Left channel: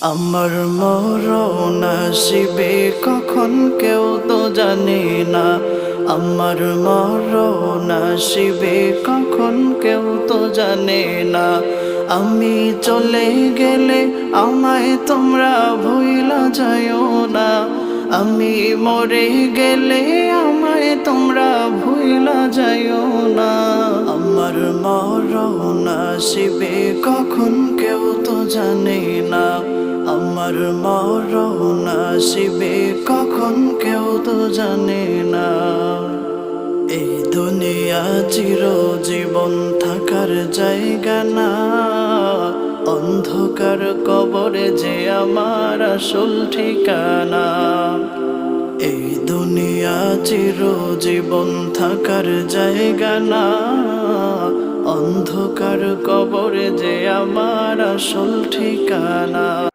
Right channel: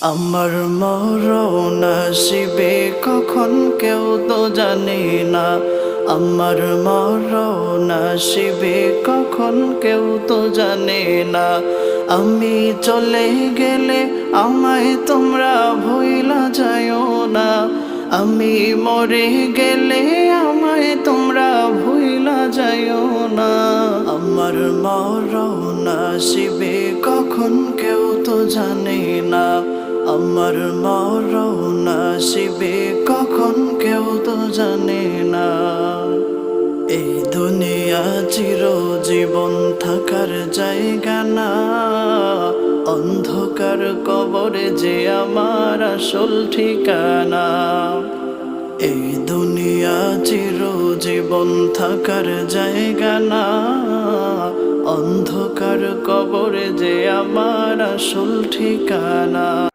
আমার মরণ আসিবে কখন কেউ তো জানে না। আমার মরণ আসিবে কখন কেউ তো জানে না। আমি চলে গেলে আমায় তোমরা ভুইলা যাইও না। আমি মরে গেলে আমায় তোমরা ভুইলা যাইও না। আমার মরণ আসিবে কখন কেউ তো জানে না। আমার মরণ আসিবে কখন কেউ তো জানে না। এই দুনিয়া চিরজীবন থাকার জায়গা না। অন্ধকার কবরে যে আমার আসল ঠিকানা। এই দুনিয়া চিরজীবন থাকার জায়গা না। অন্ধকার কবরে যে আমার আসল ঠিকানা।